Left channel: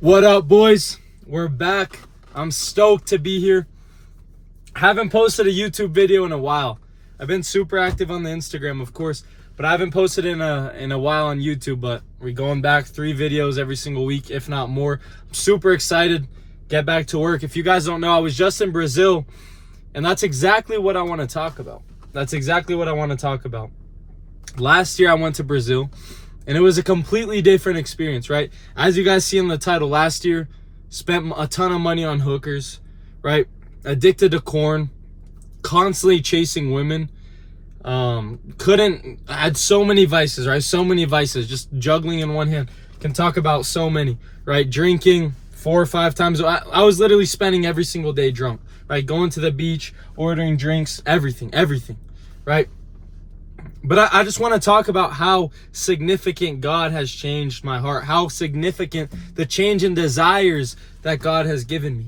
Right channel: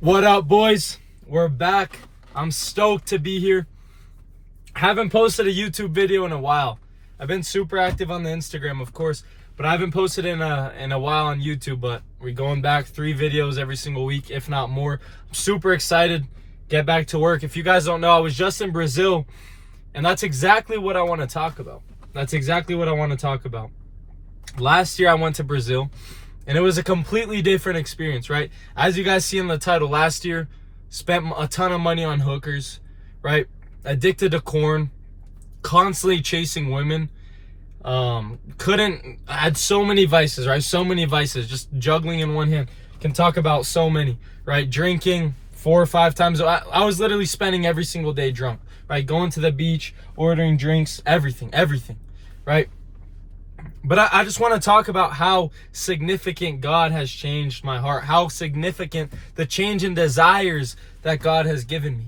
What up, boys? We're back. I'm stoked to be here. Haven't posted a YouTube video in a while. I've been super active on the Instagram, of course, but I haven't posted in a while on YouTube. But we're going back 3 videos every single week, if not more. I'm super excited. Get back to work. If you guys don't know, I was just in Brazil, and that's exactly what I want to talk about. Last year, I went to Brazil. And it was a completely different experience, right? As you guys see in the title, last year, spent a ton of money on hookers, right? Addicted to corn, constantly chasing women. Had so many vices, right? So many vices, just juggling in one hand. Can talk about so many, right? Drinking 4 or 5 times. I was literally spending every single day drunk, right? Going to the beach, ordering drinks, everything, right? But I just want to talk about how significant God has changed my heart, how significant the change in desires that God has given me,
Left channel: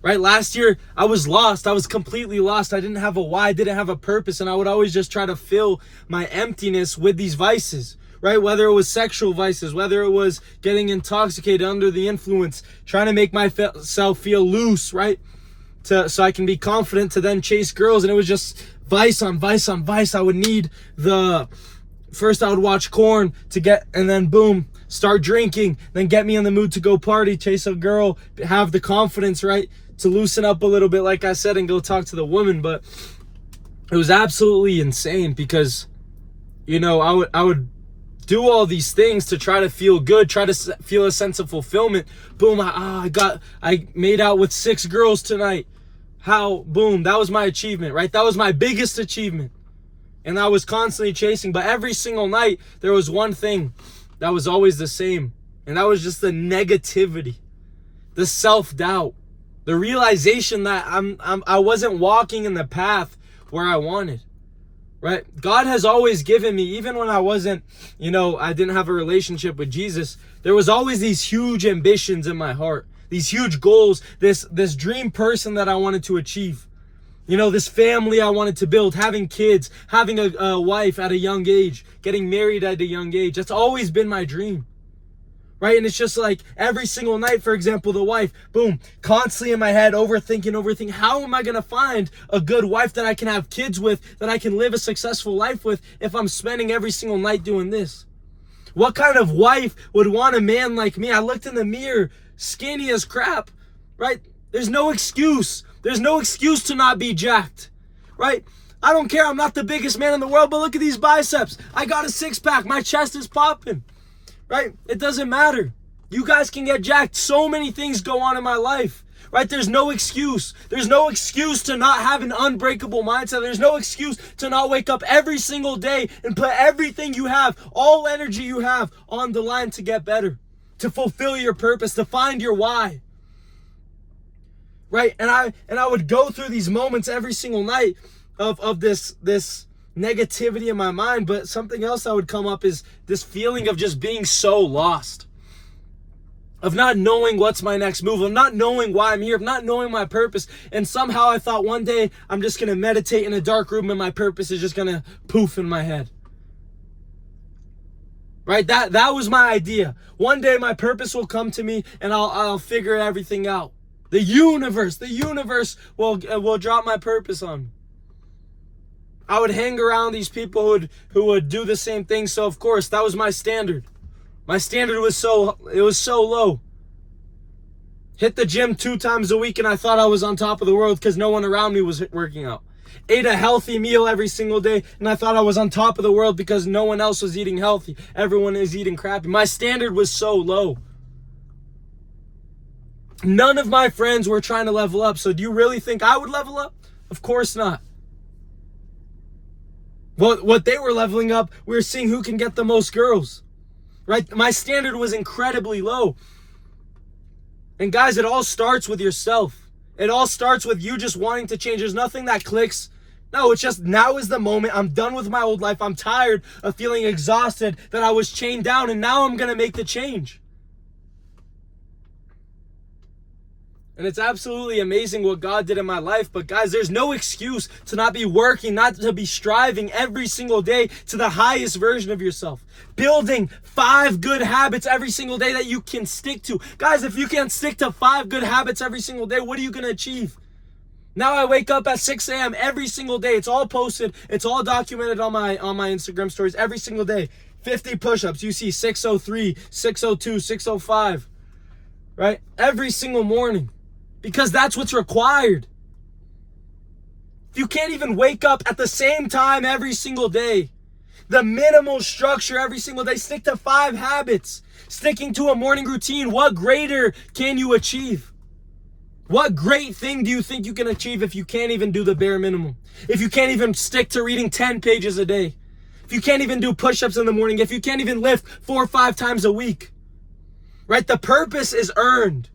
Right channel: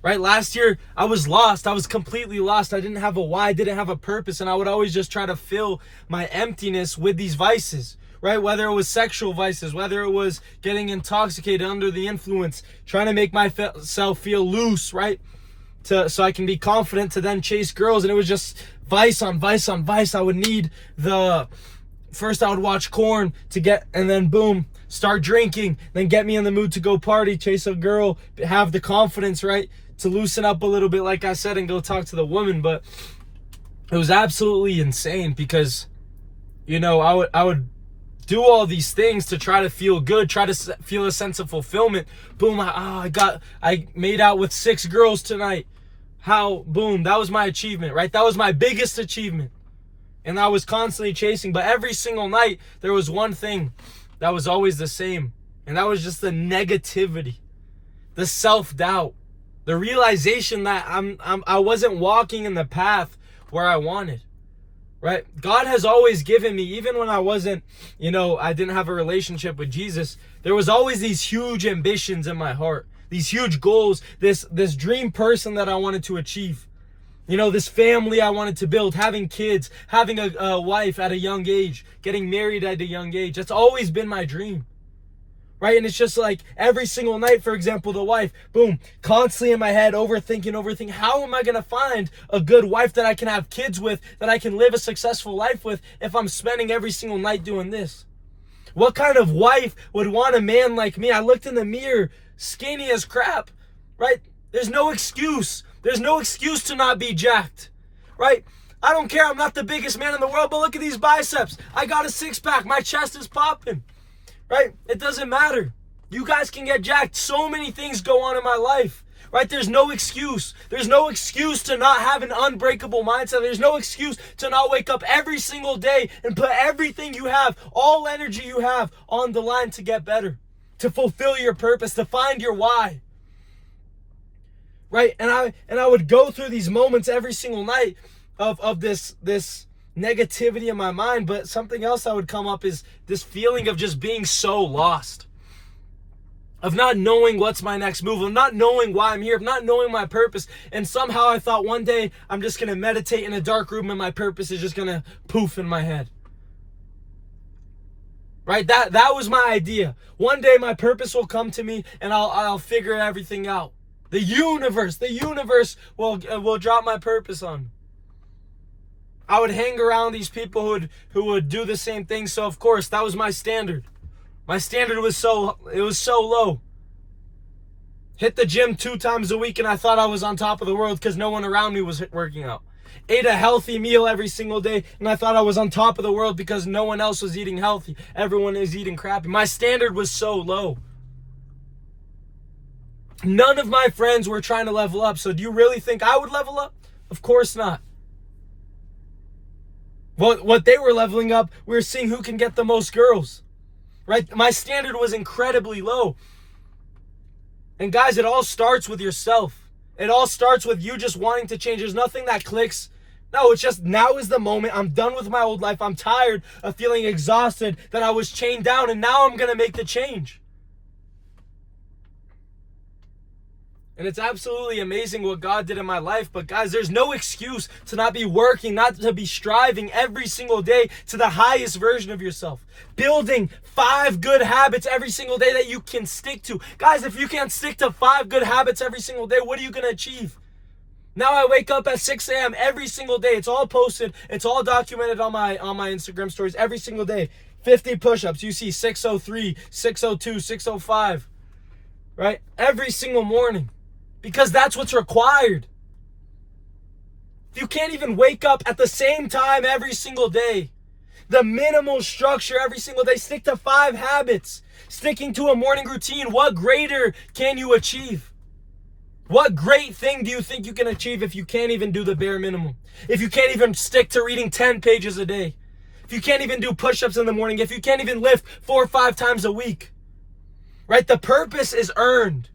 right? Last year, I was lost. I was completely lost. I didn't have a why, I didn't have a purpose, and I would always just try to fill my emptiness with these vices, right? Whether it was sexual vices, whether it was getting intoxicated under the influence, trying to make myself feel loose, right? So I can be confident to then chase girls. And it was just vice on vice on vice. I would need first I would watch corn and then boom, start drinking, then get me in the mood to go party, chase a girl, have the confidence, right, to loosen up a little bit, like I said, and go talk to the woman. But it was absolutely insane because, I would do all these things to try to feel good, try to feel a sense of fulfillment. Boom, I made out with 6 girls tonight. Boom, that was my achievement, right? That was my biggest achievement. And I was constantly chasing, but every single night there was one thing that was always the same. And that was just the negativity, the self-doubt, the realization that I wasn't walking in the path where I wanted. Right? God has always given me, even when I wasn't, I didn't have a relationship with Jesus, there was always these huge ambitions in my heart, these huge goals, this dream person that I wanted to achieve. This family I wanted to build, having kids, having a wife at a young age, getting married at a young age. That's always been my dream. Right? And it's just like every single night, for example, the wife, boom, constantly in my head, overthinking. How am I going to find a good wife that I can have kids with, that I can live a successful life with if I'm spending every single night doing this? What kind of wife would want a man like me? I looked in the mirror, skinny as crap, right? There's no excuse. There's no excuse to not be jacked, right? I don't care. I'm not the biggest man in the world, but look at these biceps. I got a 6-pack. My chest is popping. Right? It doesn't matter. You guys can get jacked. So many things go on in my life. Right? There's no excuse. There's no excuse to not have an unbreakable mindset. There's no excuse to not wake up every single day and put everything you have, all energy you have, on the line to get better, to fulfill your purpose, to find your why. Right? And I would go through these moments every single night of this negativity in my mind, but something else that would come up is this feeling of just being so lost, of not knowing what's my next move, of not knowing why I'm here, of not knowing my purpose. And somehow I thought one day I'm just going to meditate in a dark room and my purpose is just going to poof in my head. Right? That was my idea. One day my purpose will come to me and I'll figure everything out. The universe will drop my purpose on me. I would hang around these people who would do the same thing. So of course, that was my standard. My standard was so low. Hit the gym 2 times a week and I thought I was on top of the world because no one around me was working out. Ate a healthy meal every single day and I thought I was on top of the world because no one else was eating healthy. Everyone is eating crappy. My standard was so low. None of my friends were trying to level up. So do you really think I would level up? Of course not. What they were leveling up, we were seeing who can get the most girls, right? My standard was incredibly low. And guys, it all starts with yourself. It all starts with you just wanting to change. There's nothing that clicks. No, it's just now is the moment. I'm done with my old life. I'm tired of feeling exhausted that I was chained down, and now I'm going to make the change. And it's absolutely amazing what God did in my life. But guys, there's no excuse to not be working, not to be striving every single day to the highest version of yourself. Building 5 good habits every single day that you can stick to. Guys, if you can't stick to 5 good habits every single day, what are you going to achieve? Now I wake up at 6 a.m. every single day. It's all posted. It's all documented on my Instagram stories every single day. 50 push-ups. You see 603, 602, 605. Right? Every single morning. Because that's what's required. If you can't even wake up at the same time every single day, the minimal structure every single day, stick to 5 habits, sticking to a morning routine, what greater can you achieve? What great thing do you think you can achieve if you can't even do the bare minimum? If you can't even stick to reading 10 pages a day? If you can't even do push-ups in the morning? If you can't even lift 4 or 5 times a week? Right? The purpose is earned.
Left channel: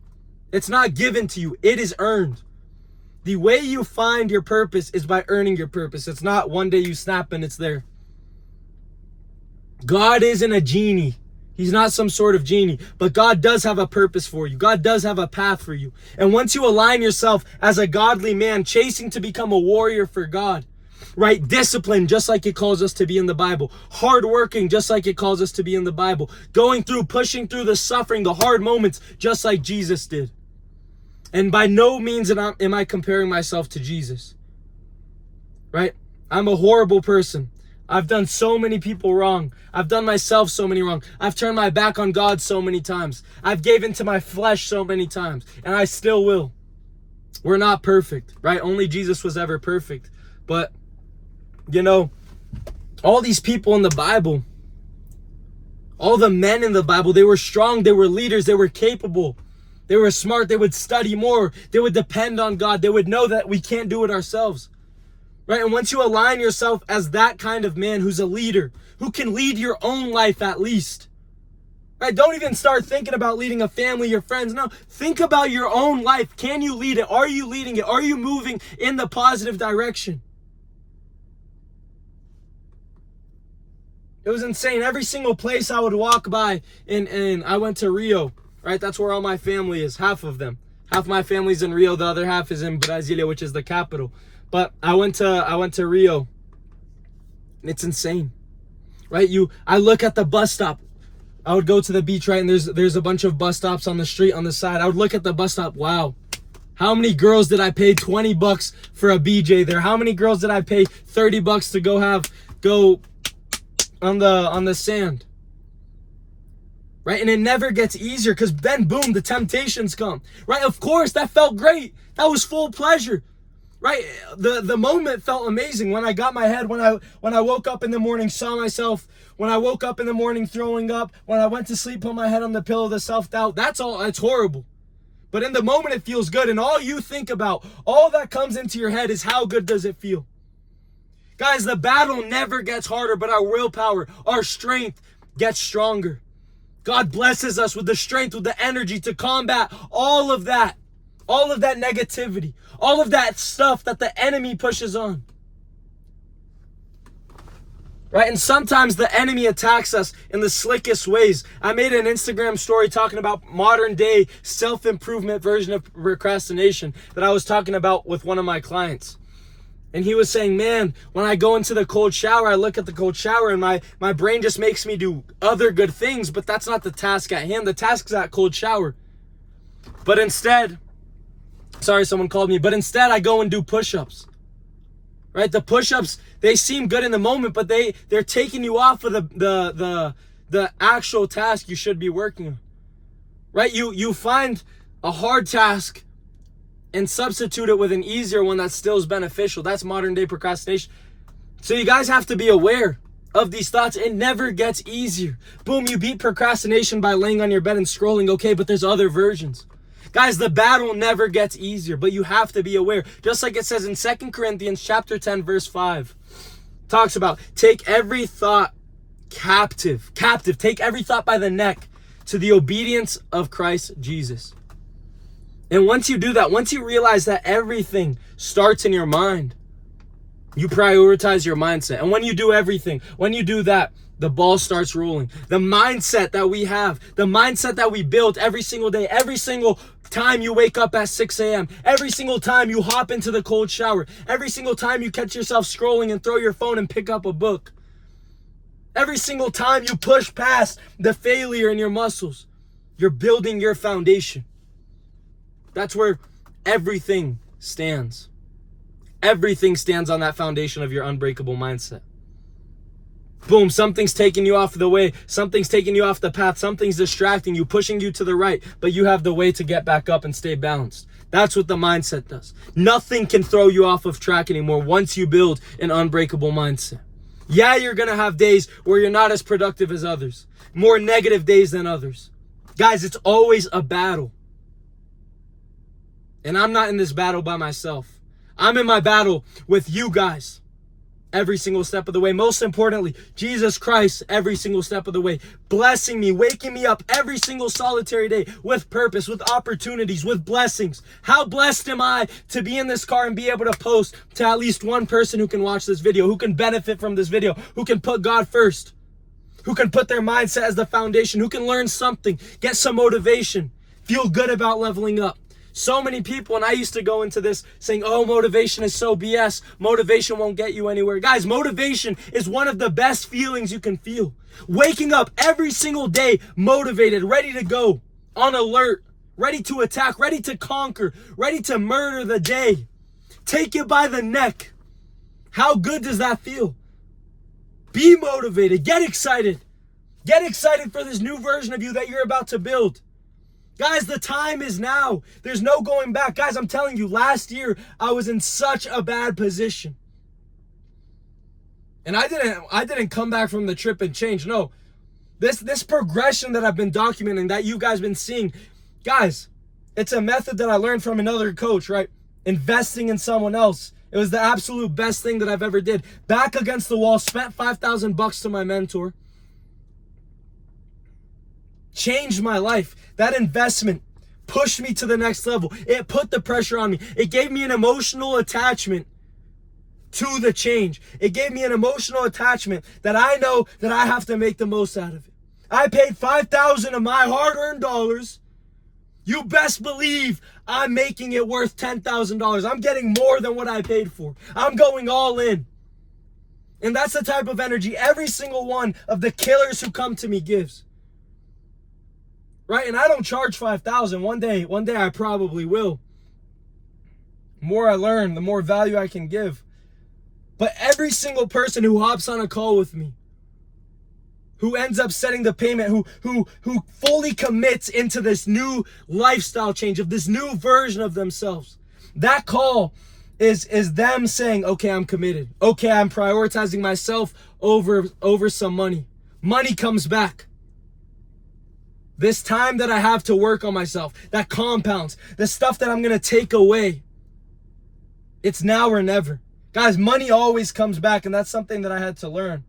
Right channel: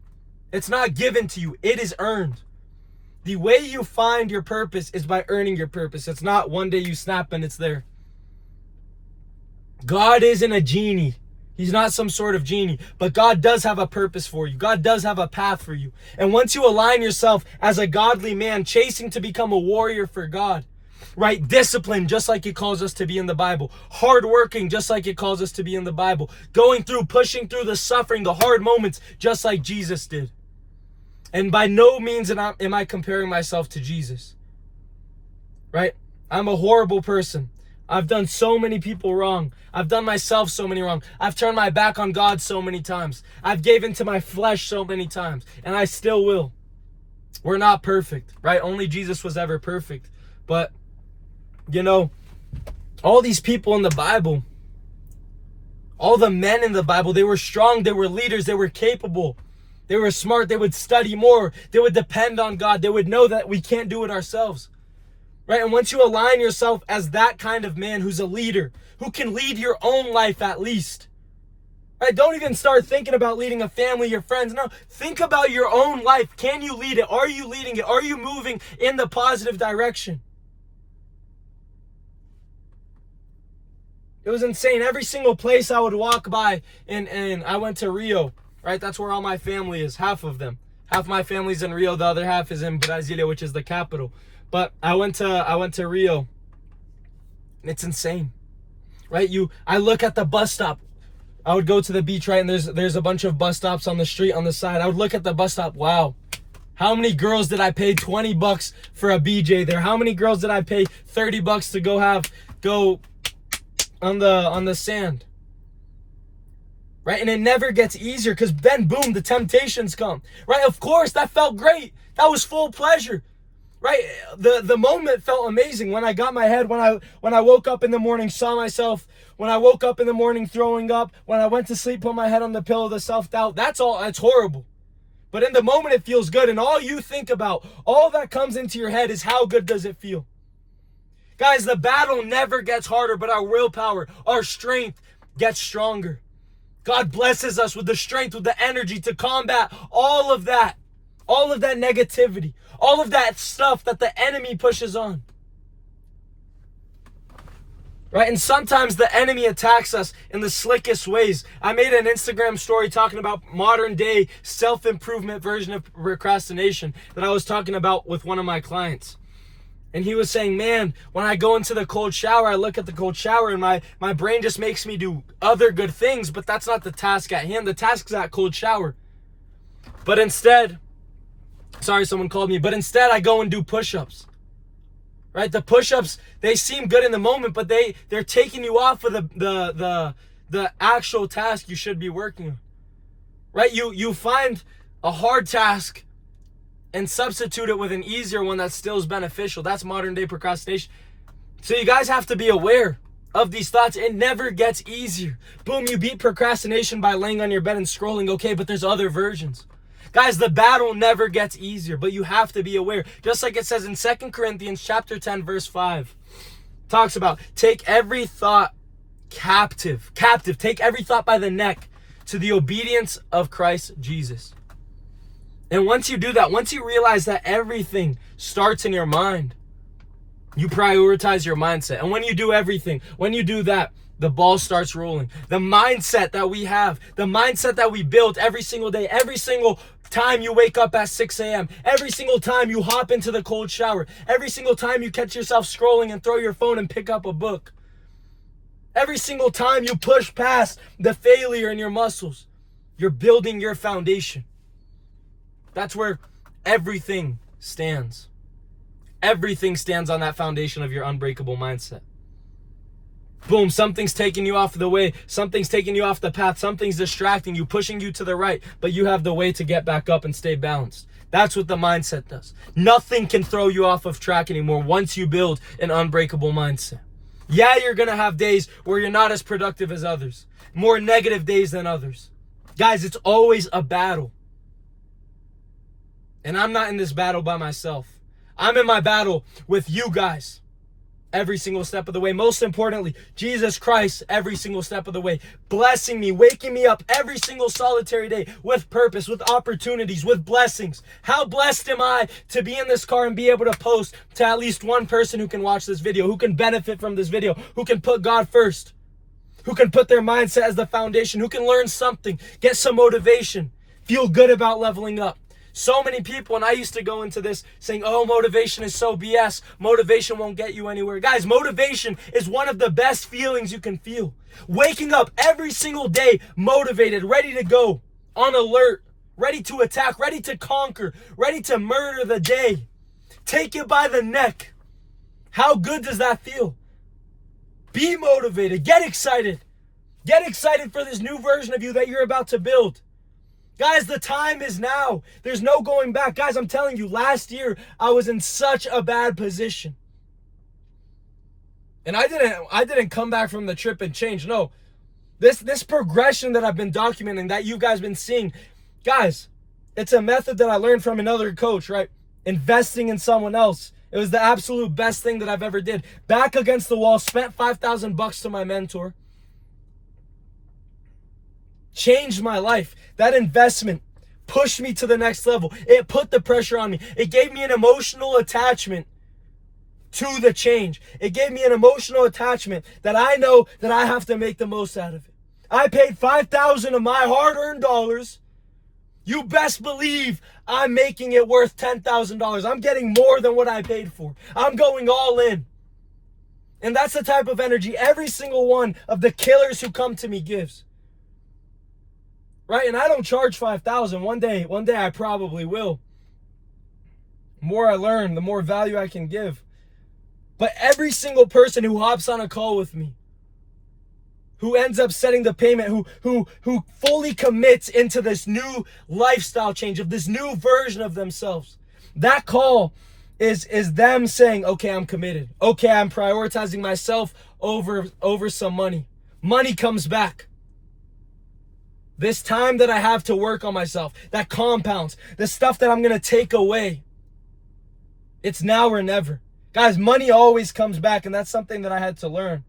It's not given to you. It is earned. The way you find your purpose is by earning your purpose. It's not one day you snap and it's there. God isn't a genie. He's not some sort of genie. But God does have a purpose for you. God does have a path for you. And once you align yourself as a godly man, chasing to become a warrior for God, right? Discipline, just like it calls us to be in the Bible. Hardworking, just like it calls us to be in the Bible. Going through, pushing through the suffering, the hard moments, just like Jesus did. And by no means am I comparing myself to Jesus, right? I'm a horrible person. I've done so many people wrong. I've done myself so many wrong. I've turned my back on God so many times. I've given to my flesh so many times, and I still will. We're not perfect, right? Only Jesus was ever perfect. But, you know, all these people in the Bible, all the men in the Bible, they were strong, they were leaders, they were capable. They were smart. They would study more. They would depend on God. They would know that we can't do it ourselves. Right? And once you align yourself as that kind of man who's a leader, who can lead your own life at least. Right? Don't even start thinking about leading a family, your friends. No, think about your own life. Can you lead it? Are you leading it? Are you moving in the positive direction? It was insane. Every single place I would walk by, and I went to Rio. Right, that's where all my family is, half of them. Half my family's in Rio, the other half is in Brasilia, which is the capital. But I went to Rio. And it's insane. Right? I look at the bus stop. I would go to the beach, right, and there's a bunch of bus stops on the street on the side. I would look at the bus stop. Wow. How many girls did I pay $20 for a BJ there? How many girls did I pay $30 to go on the sand? Right? And it never gets easier because then, boom, the temptations come. Right? Of course, that felt great. That was full pleasure. Right? The moment felt amazing when I got my head, when I woke up in the morning, saw myself, when I woke up in the morning throwing up, when I went to sleep, put my head on the pillow, the self-doubt. That's all. It's horrible. But in the moment, it feels good. And all you think about, all that comes into your head is how good does it feel? Guys, the battle never gets harder, but our willpower, our strength gets stronger. God blesses us with the strength, with the energy to combat all of that negativity, all of that stuff that the enemy pushes on. Right? And sometimes the enemy attacks us in the slickest ways. I made an Instagram story talking about modern day self-improvement version of procrastination that I was talking about with one of my clients. And he was saying, man, when I go into the cold shower, I look at the cold shower and my brain just makes me do other good things, but that's not the task at hand. The task is that cold shower. But instead, sorry, someone called me, but instead I go and do push-ups. Right? The push-ups, they seem good in the moment, but they're taking you off of the actual task you should be working on. Right? You find a hard task and substitute it with an easier one that still is beneficial. That's modern day procrastination. So you guys have to be aware of these thoughts. It never gets easier. Boom, you beat procrastination by laying on your bed and scrolling. Okay, but there's other versions. Guys, the battle never gets easier, but you have to be aware. Just like it says in 2 Corinthians chapter 10, verse 5. Talks about take every thought captive. Take every thought by the neck to the obedience of Christ Jesus. And once you do that, once you realize that everything starts in your mind, you prioritize your mindset. And when you do everything, when you do that, the ball starts rolling. The mindset that we have, the mindset that we build every single day, every single time you wake up at 6 a.m., every single time you hop into the cold shower, every single time you catch yourself scrolling and throw your phone and pick up a book, every single time you push past the failure in your muscles, you're building your foundation. That's where everything stands. Everything stands on that foundation of your unbreakable mindset. Boom, something's taking you off the way. Something's taking you off the path. Something's distracting you, pushing you to the right, but you have the way to get back up and stay balanced. That's what the mindset does. Nothing can throw you off of track anymore once you build an unbreakable mindset. Yeah, you're going to have days where you're not as productive as others, more negative days than others. Guys, it's always a battle. And I'm not in this battle by myself. I'm in my battle with you guys. Every single step of the way. Most importantly, Jesus Christ every single step of the way. Blessing me, waking me up every single solitary day with purpose, with opportunities, with blessings. How blessed am I to be in this car and be able to post to at least one person who can watch this video, who can benefit from this video, who can put God first, who can put their mindset as the foundation, who can learn something, get some motivation, feel good about leveling up. So many people, and I used to go into this saying, oh, motivation is so BS. Motivation won't get you anywhere. Guys, motivation is one of the best feelings you can feel. Waking up every single day, motivated, ready to go, on alert, ready to attack, ready to conquer, ready to murder the day. Take it by the neck. How good does that feel? Be motivated. Get excited. Get excited for this new version of you that you're about to build. Guys, the time is now. There's no going back. Guys, I'm telling you, last year, I was in such a bad position. And I didn't come back from the trip and change. No. This progression that I've been documenting, that you guys been seeing, guys, it's a method that I learned from another coach, right? Investing in someone else. It was the absolute best thing that I've ever did. Back against the wall, spent $5,000 to my mentor. Changed my life. That investment pushed me to the next level. It put the pressure on me. It gave me an emotional attachment to the change. It gave me an emotional attachment that I know that I have to make the most out of it. I paid $5,000 of my hard-earned dollars. You best believe I'm making it worth $10,000. I'm getting more than what I paid for. I'm going all in. And that's the type of energy every single one of the killers who come to me gives. Right? And I don't charge $5,000. One day I probably will. The more I learn, the more value I can give. But every single person who hops on a call with me, who ends up setting the payment, who fully commits into this new lifestyle change, of this new version of themselves, that call is them saying, okay, I'm committed. Okay, I'm prioritizing myself over some money. Money comes back. This time that I have to work on myself, that compounds, the stuff that I'm going to take away, it's now or never. Guys, money always comes back, and that's something that I had to learn.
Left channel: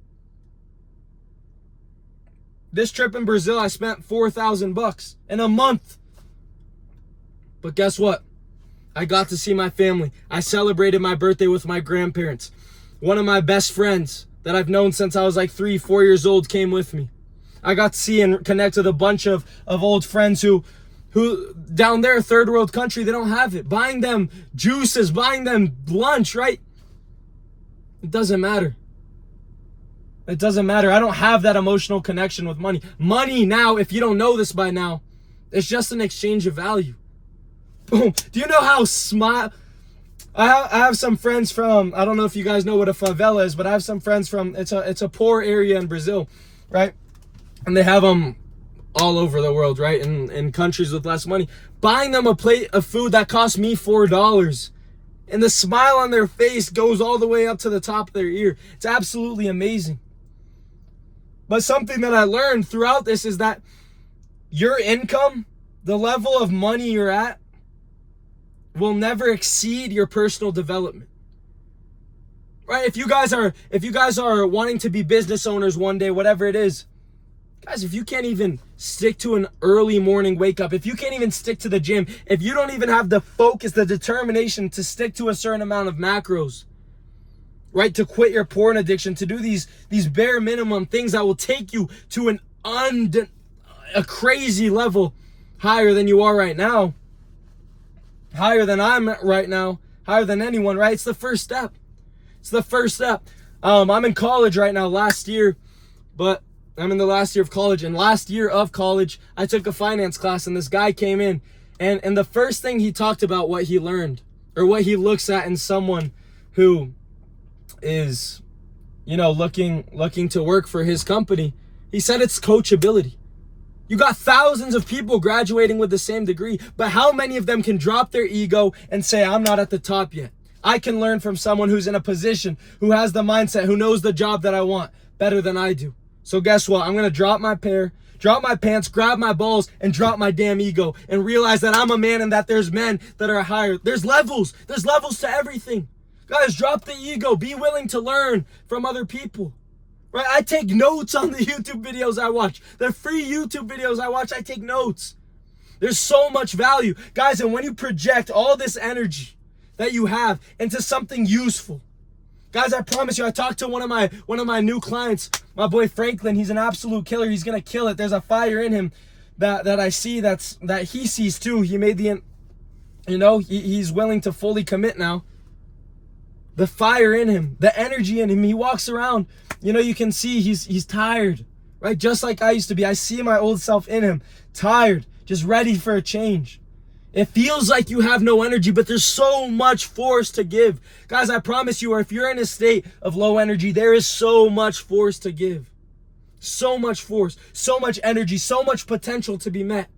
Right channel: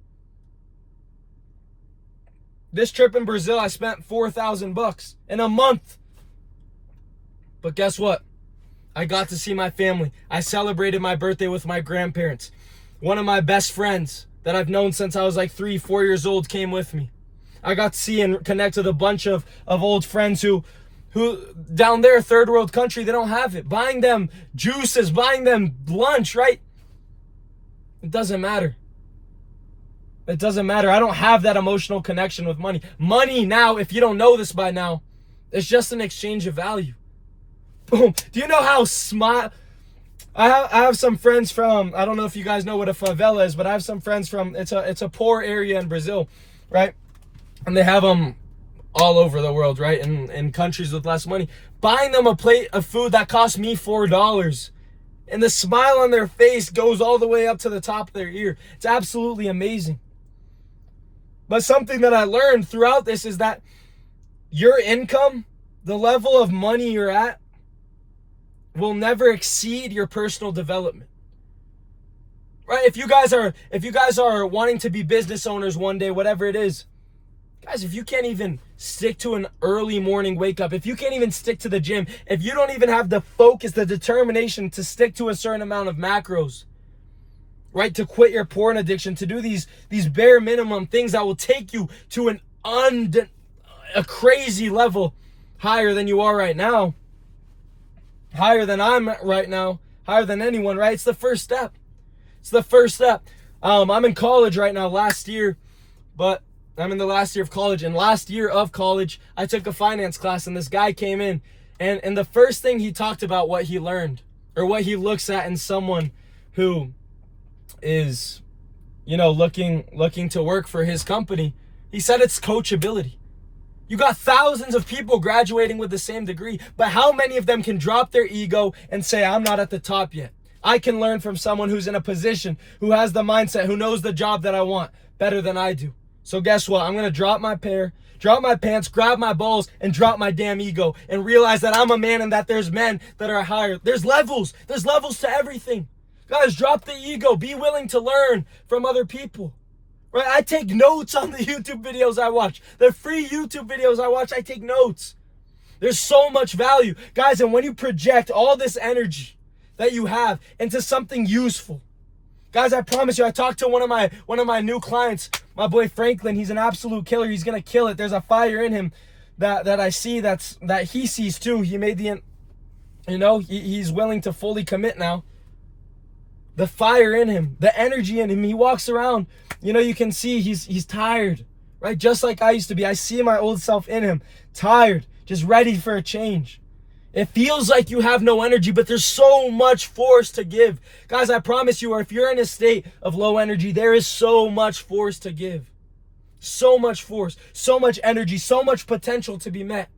This trip in Brazil, I spent $4,000 in a month. But guess what? I got to see my family. I celebrated my birthday with my grandparents. One of my best friends that I've known since I was like 3-4 years old came with me. I got to see and connect with a bunch of old friends who down there, third world country, they don't have it. Buying them juices, buying them lunch, right? It doesn't matter. It doesn't matter. I don't have that emotional connection with money. Money now, if you don't know this by now, it's just an exchange of value. Boom. Do you know how I have some friends from, I don't know if you guys know what a favela is, but I have some friends from, it's a poor area in Brazil, right? And they have them all over the world, right? In countries with less money. Buying them a plate of food that cost me $4. And the smile on their face goes all the way up to the top of their ear. It's absolutely amazing. But something that I learned throughout this is that your income, the level of money you're at, will never exceed your personal development. Right? If you guys are wanting to be business owners one day, whatever it is, guys, if you can't even stick to an early morning wake up, if you can't even stick to the gym, if you don't even have the focus, the determination to stick to a certain amount of macros, right? To quit your porn addiction, to do these bare minimum things that will take you to a crazy level higher than you are right now, higher than I'm at right now, higher than anyone, right? It's the first step. It's the first step. I'm in college right now, last year, but I'm in the last year of college. And last year of college, I took a finance class, and this guy came in, and the first thing he talked about, what he learned, or what he looks at in someone who is, looking to work for his company. He said it's coachability. You got thousands of people graduating with the same degree, but how many of them can drop their ego and say, I'm not at the top yet? I can learn from someone who's in a position, who has the mindset, who knows the job that I want better than I do. So guess what? I'm going to drop my pants, grab my balls, and drop my damn ego and realize that I'm a man and that there's men that are higher. There's levels. There's levels to everything. Guys, drop the ego. Be willing to learn from other people. Right? I take notes on the YouTube videos I watch. The free YouTube videos I watch, I take notes. There's so much value. Guys, and when you project all this energy that you have into something useful, guys, I promise you, I talked to one of my new clients, my boy Franklin. He's an absolute killer. He's gonna kill it. There's a fire in him that I see that he sees too. He made he's willing to fully commit now. The fire in him, the energy in him. He walks around, you can see he's tired, right? Just like I used to be. I see my old self in him, tired, just ready for a change. It feels like you have no energy, but there's so much force to give. Guys, I promise you, or if you're in a state of low energy, there is so much force to give. So much force, so much energy, so much potential to be met.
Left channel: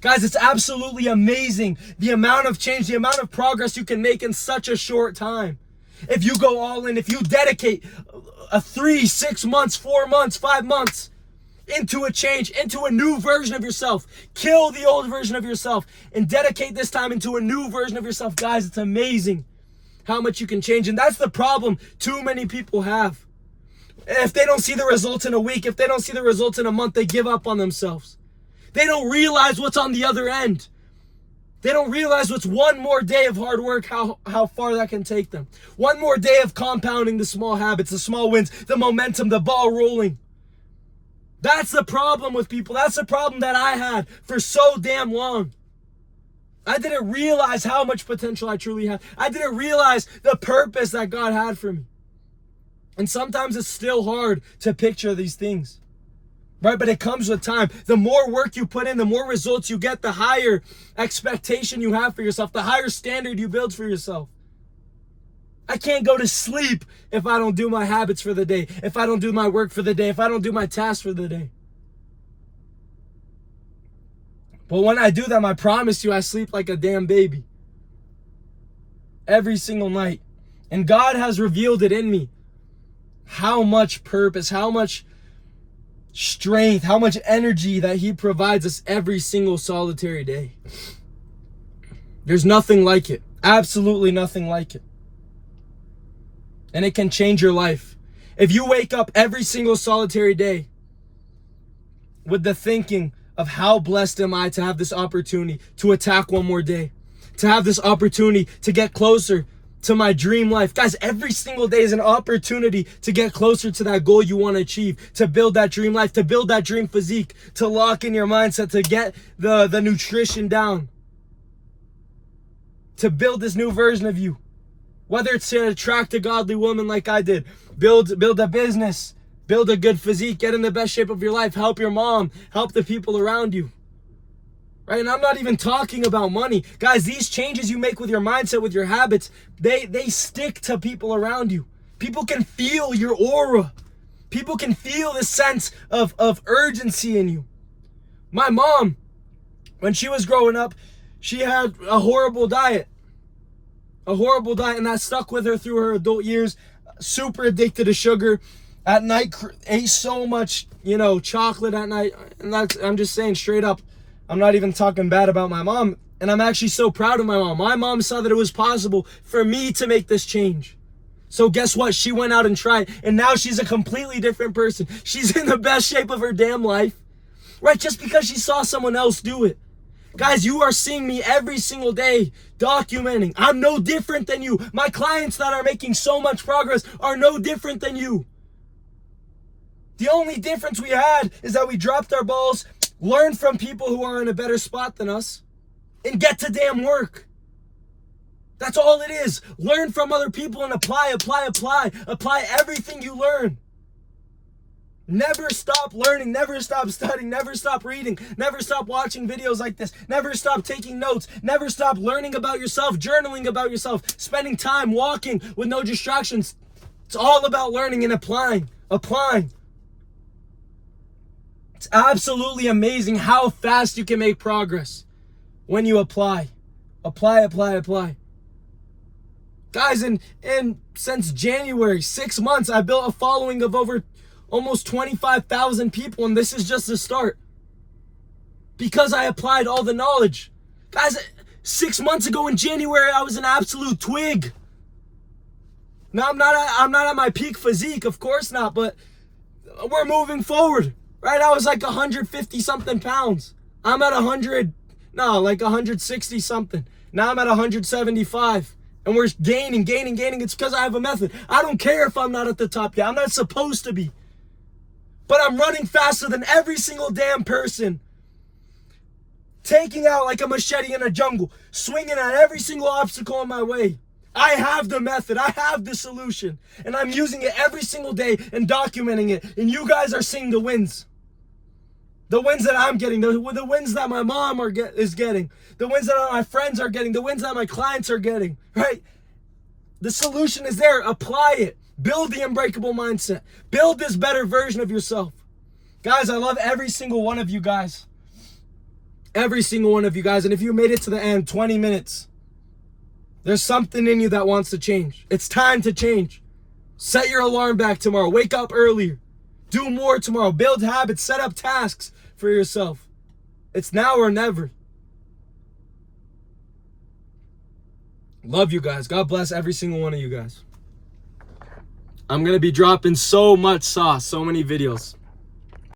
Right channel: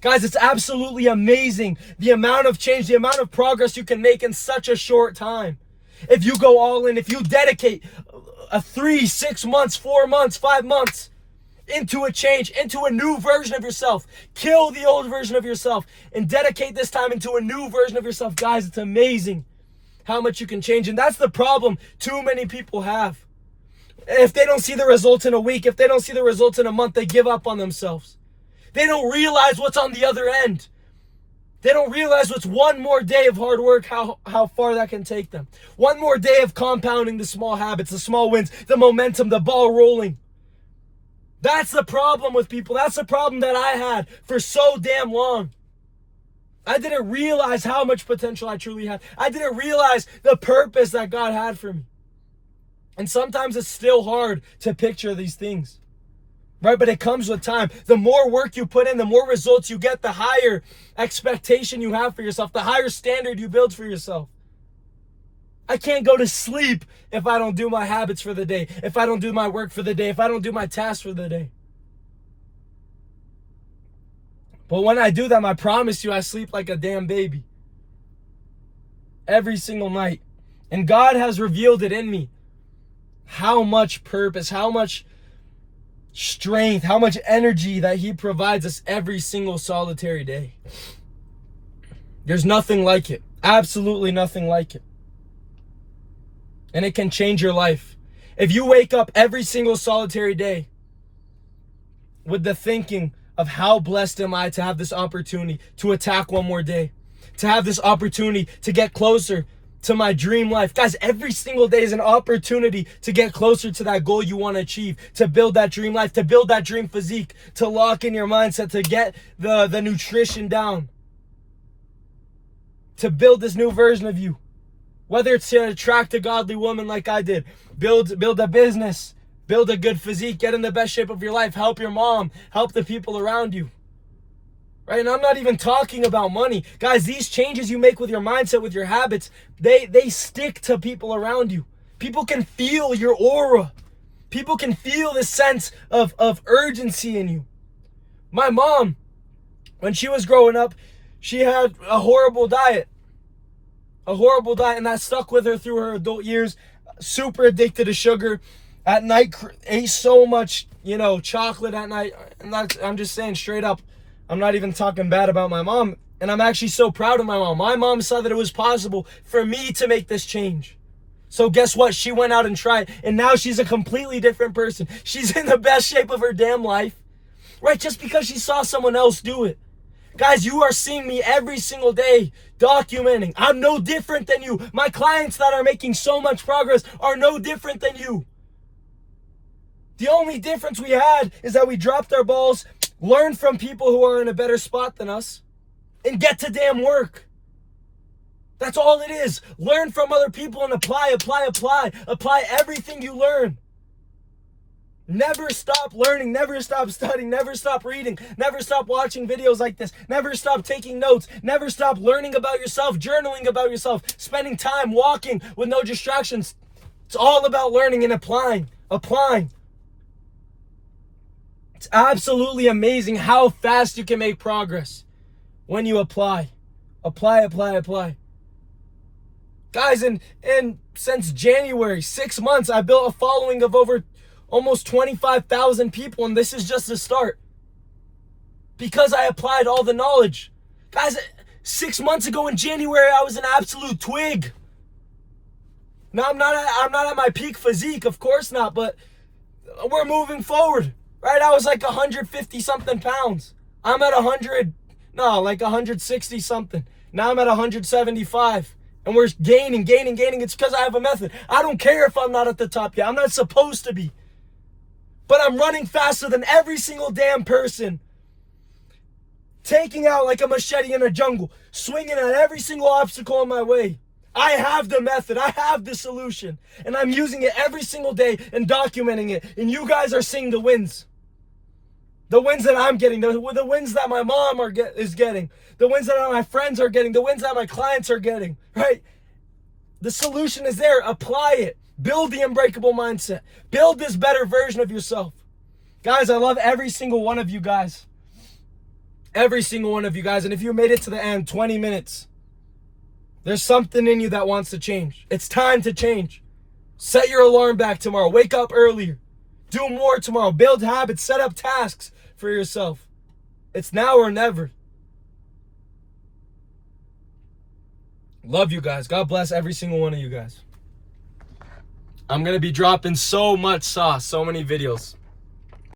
Guys, it's absolutely amazing the amount of change, the amount of progress you can make in such a short time. If you go all in, if you dedicate 3, 6 months, 4 months, 5 months into a change, into a new version of yourself, kill the old version of yourself and dedicate this time into a new version of yourself. Guys, it's amazing how much you can change. And that's the problem too many people have. If they don't see the results in a week, if they don't see the results in a month, they give up on themselves. They don't realize what's on the other end. They don't realize what's one more day of hard work, how far that can take them. One more day of compounding the small habits, the small wins, the momentum, the ball rolling. That's the problem with people. That's the problem that I had for so damn long. I didn't realize how much potential I truly had. I didn't realize the purpose that God had for me. And sometimes it's still hard to picture these things. Right? But it comes with time. The more work you put in, the more results you get, the higher expectation you have for yourself, the higher standard you build for yourself. I can't go to sleep if I don't do my habits for the day, if I don't do my work for the day, if I don't do my tasks for the day. But when I do them, I promise you, I sleep like a damn baby. Every single night. And God has revealed it in me. How much purpose, how much strength, how much energy that He provides us every single solitary day. There's nothing like it. Absolutely nothing like it. And it can change your life. If you wake up every single solitary day with the thinking of how blessed am I to have this opportunity to attack one more day, to have this opportunity to get closer to my dream life. Guys, every single day is an opportunity to get closer to that goal you want to achieve, to build that dream life, to build that dream physique, to lock in your mindset, to get the nutrition down, to build this new version of you. Whether it's to attract a godly woman like I did, build a business, build a good physique, get in the best shape of your life, help your mom, help the people around you. Right? And I'm not even talking about money. Guys, these changes you make with your mindset, with your habits, they stick to people around you. People can feel your aura. People can feel the sense of urgency in you. My mom, when she was growing up, she had a horrible diet. And that stuck with her through her adult years. Super addicted to sugar. At night, ate so much, chocolate at night. And I'm just saying straight up, I'm not even talking bad about my mom. And I'm actually so proud of my mom. My mom saw that it was possible for me to make this change. So guess what? She went out and tried. And now she's a completely different person. She's in the best shape of her damn life. Right? Just because she saw someone else do it. Guys, you are seeing me every single day documenting. I'm no different than you. My clients that are making so much progress are no different than you. The only difference we had is that we dropped our balls, learned from people who are in a better spot than us, and get to damn work. That's all it is. Learn from other people and apply. Apply everything you learn. Never stop learning, never stop studying, never stop reading, never stop watching videos like this, never stop taking notes, never stop learning about yourself, journaling about yourself, spending time walking with no distractions. It's all about learning and applying. It's absolutely amazing how fast you can make progress when you apply. Apply. Guys, and since January, 6 months, I built a following of over almost 25,000 people, and this is just the start. Because I applied all the knowledge. Guys, 6 months ago in January, I was an absolute twig. Now, I'm not at my peak physique, of course not, but we're moving forward, right? I was like 150 something pounds. I'm at 160 something. Now I'm at 175. And we're gaining. It's because I have a method. I don't care if I'm not at the top yet. I'm not supposed to be. But I'm running faster than every single damn person. Taking out like a machete in a jungle. Swinging at every single obstacle in my way. I have the method. I have the solution. And I'm using it every single day and documenting it. And you guys are seeing the wins. The wins that I'm getting. The wins that my mom is getting. The wins that my friends are getting. The wins that my clients are getting. Right? The solution is there. Apply it. Build the unbreakable mindset. Build this better version of yourself. Guys, I love every single one of you guys. Every single one of you guys. And if you made it to the end, 20 minutes, there's something in you that wants to change. It's time to change. Set your alarm back tomorrow. Wake up earlier. Do more tomorrow. Build habits. Set up tasks for yourself. It's now or never. Love you guys. God bless every single one of you guys. I'm going to be dropping so much sauce, so many videos.